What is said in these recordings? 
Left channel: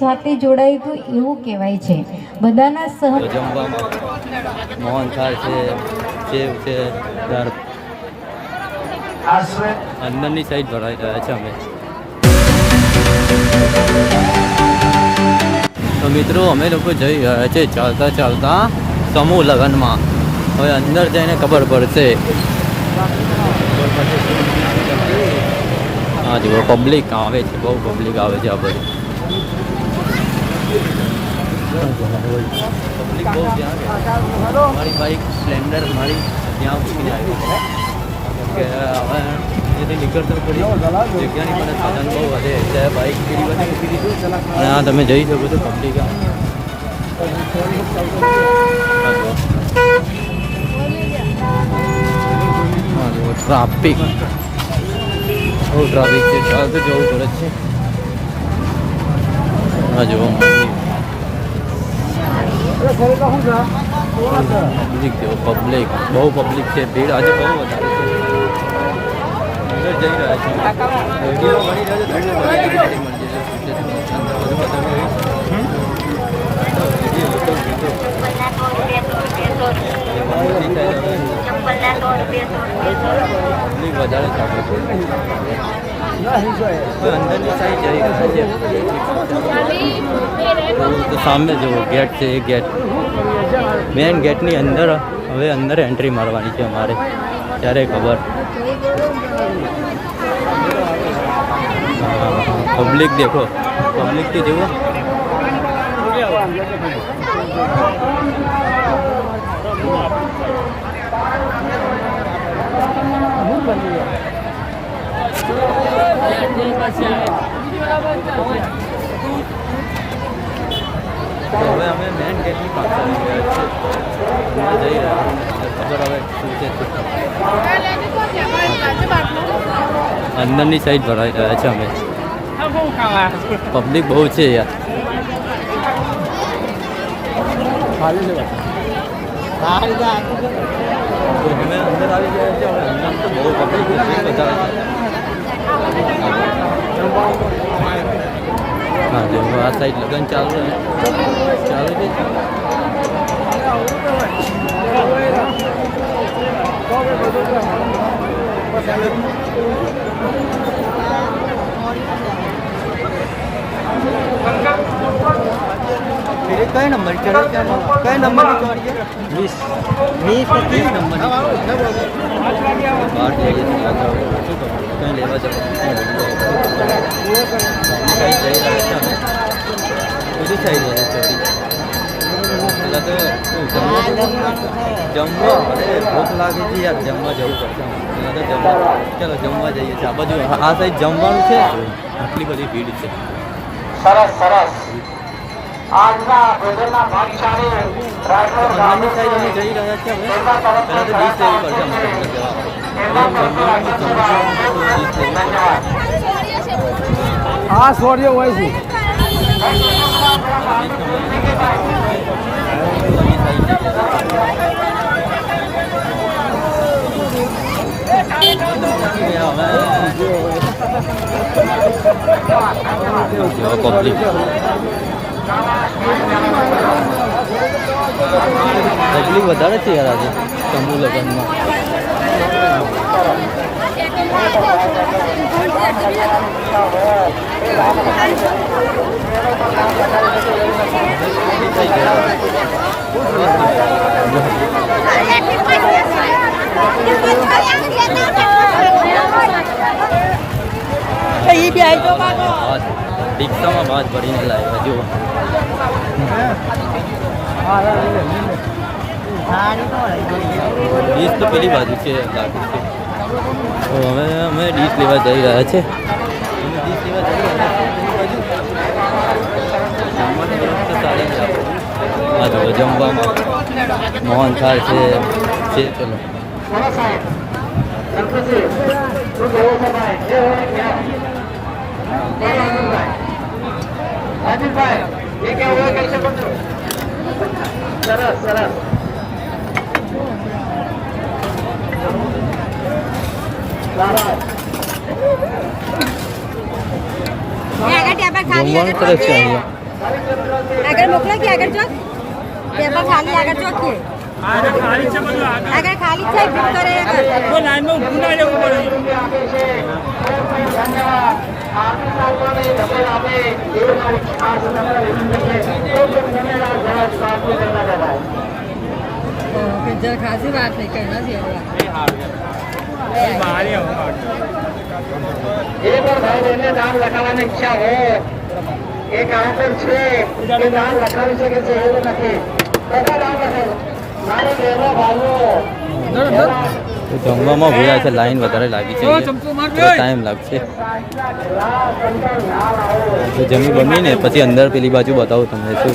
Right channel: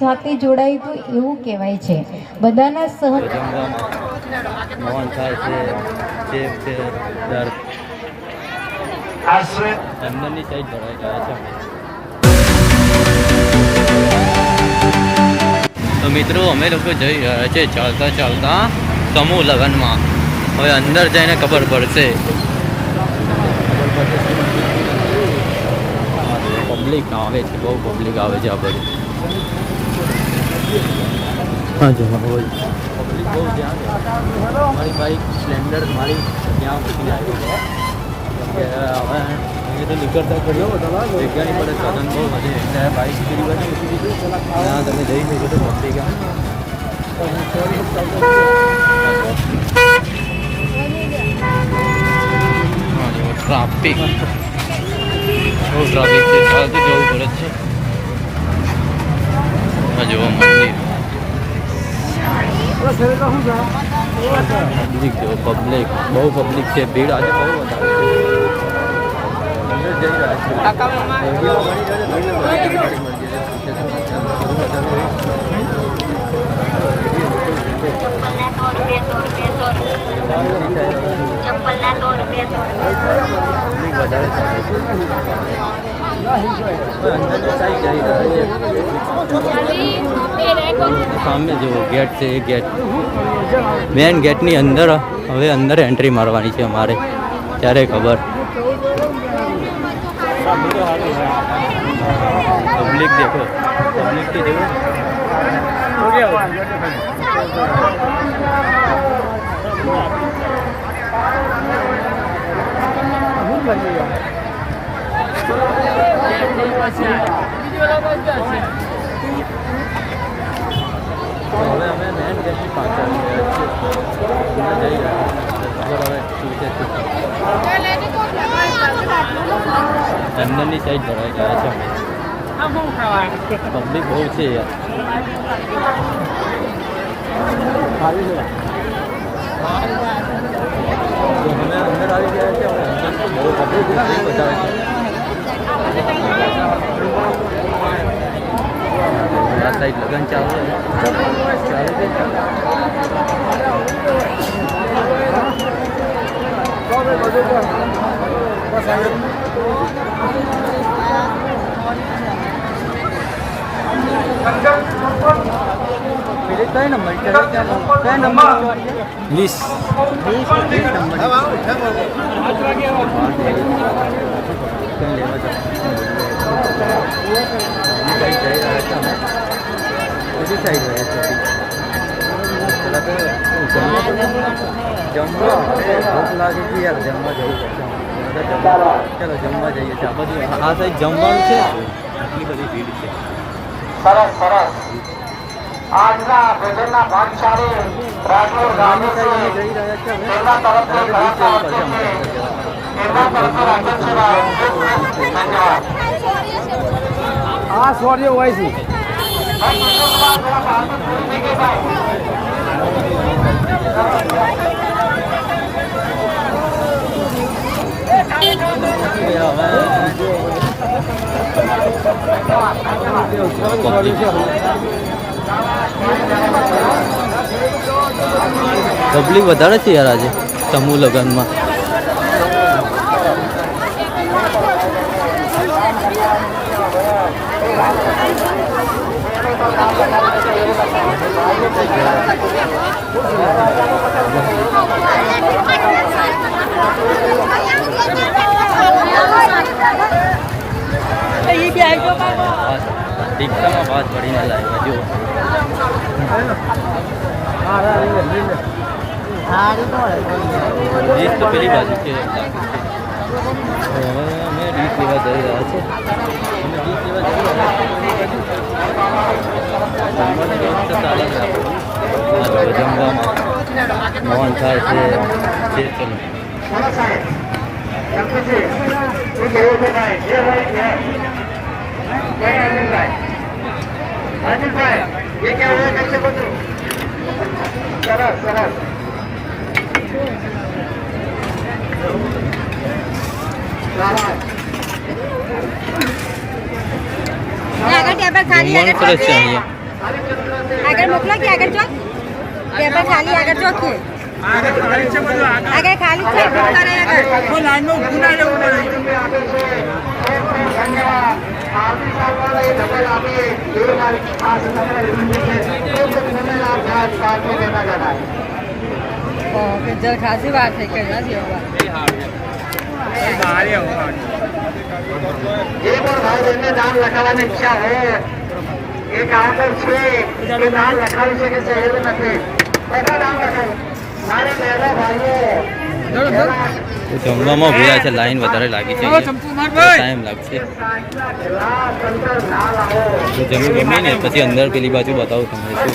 જાતિ જોડાય તો એવું કહેવાય છે. બધાના સહ મોહન થાળ છે સેવ છે અંદરની સાઈડ ભરાઈ રહ્યા છે અમે. તો મિત્રો અમે લોકો જઈ રહ્યા છે ચાલતા ચાલતા સમૂહ લગ્નમાં. હવે અંદર જઈને ખબર પડશે. ખબર. હા જુઓ પબ્લિક આવે છે બહુ પબ્લિક આવે છે આ બધું. પબ્લિક બહુ ત્યાં છે. મારી બાઈક સ્પ્લેન્ડર મારી ત્યાં મૂકીને આવી છે. કે હવે તો નીકળતા કરી જગ્યાની પણ સાધન બહુ વધે એટલે બાઈક પેલી બાજુ મૂકી દીધું. અને આ તમે જઈ શકો છો પબ્લિક ટ્રાફિક બહુ ટ્રાફિક છે. જવું પડે છે. મંદિર પબ્લિક જેવો પબ્લિક બહુ પબ્લિક છે. ભીડ આજે બહુ વધારે છે. જઈ રહ્યા છે વધારે ચાલુ છે. હવે અંદરની સાઈડ જઈ રહ્યા છે સામે જુઓ ગેટ છે એ ગેટ મેન ગેટની અંદર હવે અંદર એન્ટ્રી મારવાની છે અમારે ત્યારે ખબર પબ્લિક દેખો પબ્લિક તો જુઓ તો હવે અમે મેન ગેટની પાછળ આવી ગયા છીએ. જઈ રહ્યા છીએ. ખબર હવે શું છે અંદરની સાઈડ ભરાઈ રહ્યા છે અમે. પબ્લિક બહુ છે યાર. તો અમે અંદર આવી ગયા છે હવે અંદર તો બહુ પબ્લિક વધારે છે. હા જો આ સાઈડ લગન ચાલુ છે ચાલુ છે પેલી કઈ નંબર ચડે ક્યાં કઈ નંબર વીસ કંઈ લેવા જવાનું જઈ રહ્યા છે અમે બીજી સાઈડ રહે ચોરી પેલા તો જમવા જમવા અરે ભૂખ લાગે છે યાર જમવા જવું પડશે તો જમવા ચાલો જમવા જઈએ છીએ. આ બધું આ સાઈડ જમવાનું છે આટલી બધી ભીડ છે સરસ સરસ આજના ભોજનના ભાગશાળી રાજકોટ અંદરની સાઈડ અમે જઈ રહ્યા છીએ હવે પહેલાં તો પડશે અમારે જવા હા સોરીઓ હોય છે. પબ્લિક વધારે છે યાર આજે સમૂહ લગ્નમાં. ભાત રિક્ષામાં ભાત ભરીને લાવ્યા જુઓ. ડીશ તો પેલી બાજુ છે. લાગે હવે અમે ડીશ લેવા જઈ રહ્યા છે. અમે ડીશ લેવા જઈ રહ્યા છે જમવાની વ્યવસ્થા સારી છે જમવામાં મોહન થાય છે. છે, ચલો. રાજેશભાઈ સરસ સરસ. છે અહીંયા. આગળ મોકલો કે આગળ જો પેપર ખાલી આગળ ખાલી છે બધું આગળ. ખાલી છે ભીડ કરે આગળ. કોઈ લાઈનમાં ઊભું ના રહેવું પડે. જરા ખાસી વાત છે કે નથી એક વાર ભાઈ બહેનને નામ લખાવવાની ઈચ્છા છે એ કાઉન્ટર છે એ નામ લખાવી શકે છે એવું નથી બધા નામ લખાવો મારે કહેવા ભાઈઓ તો જમવામાં ભીડા છે લાઈન વધારે લાગી છે ટાઈમ લાગશે. તો જમી ગમી ને પછી અંદર પેલી બાજુ બતાવું તમને શું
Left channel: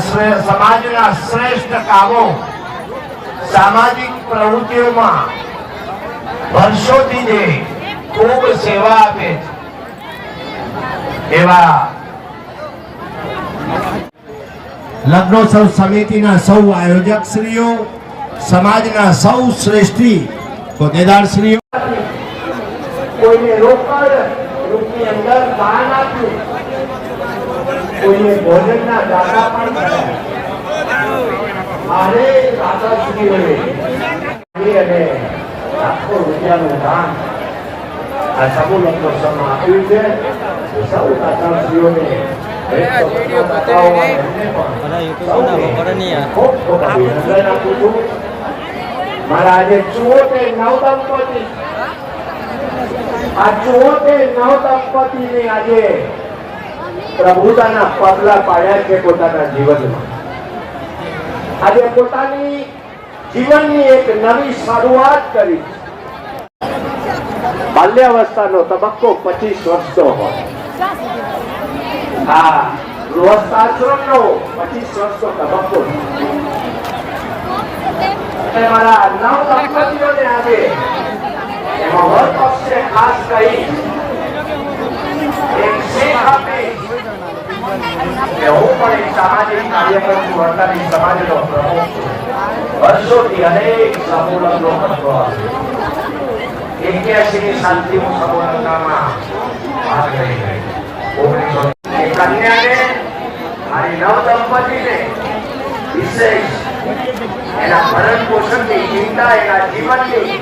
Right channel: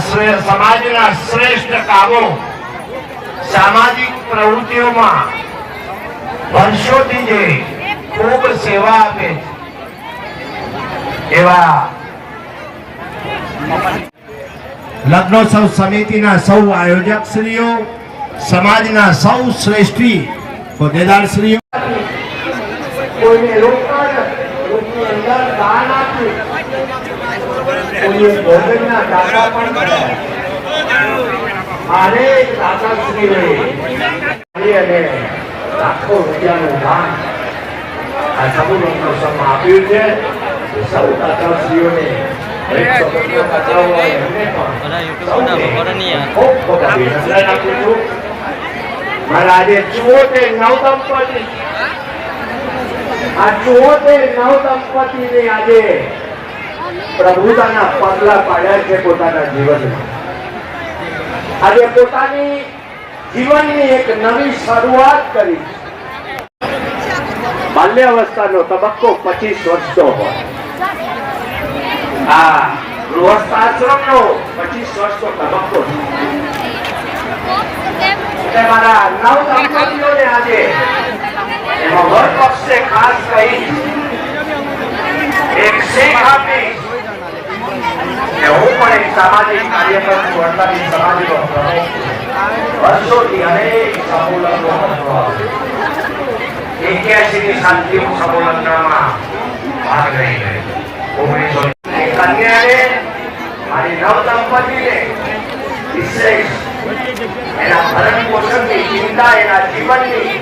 સમાજના શ્રેષ્ઠ કામો સામાજિક પ્રવૃત્તિઓમાં વર્ષોથી જે ખૂબ સેવા આપે એવા લગ્નોત્સવ સમિતિના સૌ આયોજક શ્રીઓ, સમાજના સૌ શ્રેષ્ઠી હોદ્દેદારશ્રીઓ કોઈને રોકડ કોઈની અંદર દાન આપ્યું કોઈએ ભોજનના દાતા પણ કર્યા. અને લાખો રૂપિયાનું દાન આ સમૂહ સમા આપ્યું છે. સૌ દાદાશ્રીઓને મારા આજે ચુઓતેર નવ દંપતી આ ચુઓતેર નવ દંપતીને આજે પ્રભુતાના પગલા પાડ્યા છે પોતાના જીવનમાં. આજે પોતાની જીવનની એક નવી શરૂઆત કરી. બાલ્યાવસ્થાનો તબક્કો પચીસ વર્ષનો હોય. આ ગૃહસ્થાશ્રમનો પચીસ વર્ષનો તબક્કો. મારા નવ આજે ખાસ કહી, એક શીખ આપી હું પણ એક સામાજિક કાર્યક્રમ વર્તાવી સમાજનો. વર્ષોથી અનેક સમૂહલગ્નો કરતો આવ્યો. એક્યાસીની શાંતિ સમૂહલગ્નમાં ભાગ લઈ ગઈ ઓગણીસો કન્યાને મારી નવ દંપતીને વિશેષ એના ભરણ પોષણની ચિંતા, એના જીવનની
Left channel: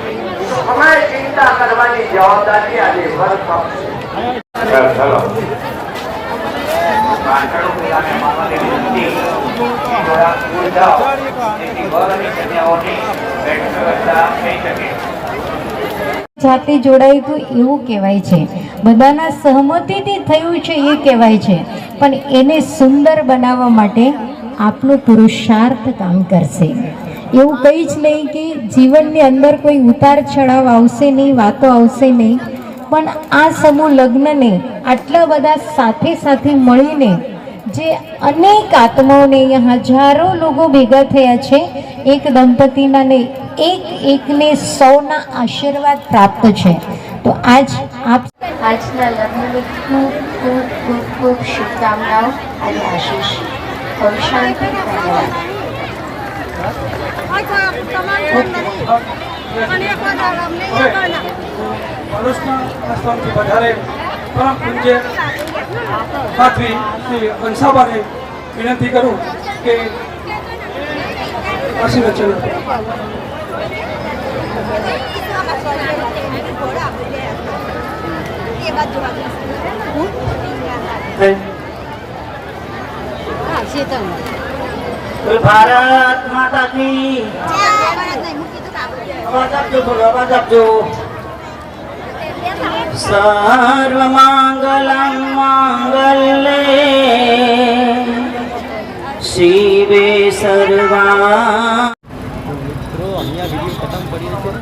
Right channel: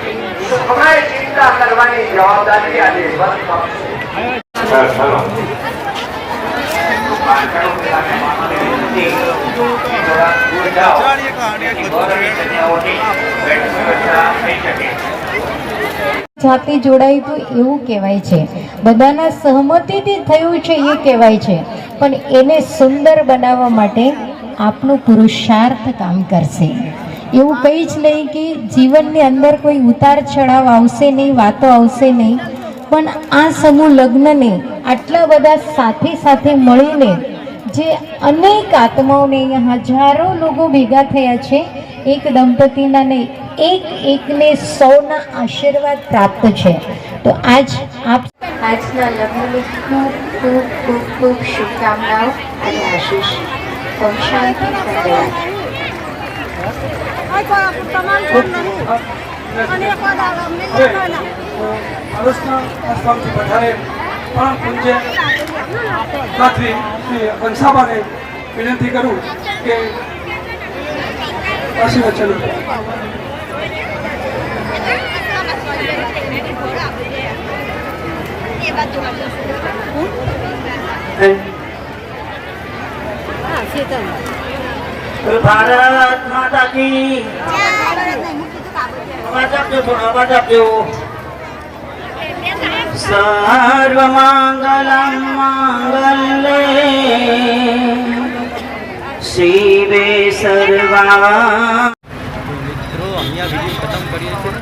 સુખમય ચિંતા કરવાની જવાબદારી આજે વન જાતિ જોડાય તો એવું કહેવાય છે. બધાના સહમતિથી થયું છે, એ કહેવાય છે. પણ એને સુંદર બનાવવા માટે આપનો પુરુષાર્થ કામ કરશે. એવું કંઈ જ નહીં કે જીવનની અંદર કોઈ ઉતાર ચઢાવ આવશે નહીં, વાતો આવશે નહીં. પણ આ સમૂહ લગ્નને આટલા બધા સાથે સાથે મળીને જે અનેક આત્માઓને અહીંયા હજારો લોકો ભેગા થયા છે એક દંપતીના ને એક એકને સૌના આશીર્વાદ પ્રાપ્ત છે. તો આજ આપ આજના લગ્નની ખૂબ ખૂબ ખૂબ ખૂબ શુભકામનાઓ અને આશીષ. શાંતિ ધન્યવાદ વધારે પરમ પૂજ્ય એ વિનંતી કરું કે આશીર્વચન ભારત માતા કી અવાજ આપજો થોડો અવાજ આપજો. સર્વ મંગલમ મંગલે શિવે સર્વા મિત્રો અહીંયા વીડિયો ખતમ કરીએ છીએ.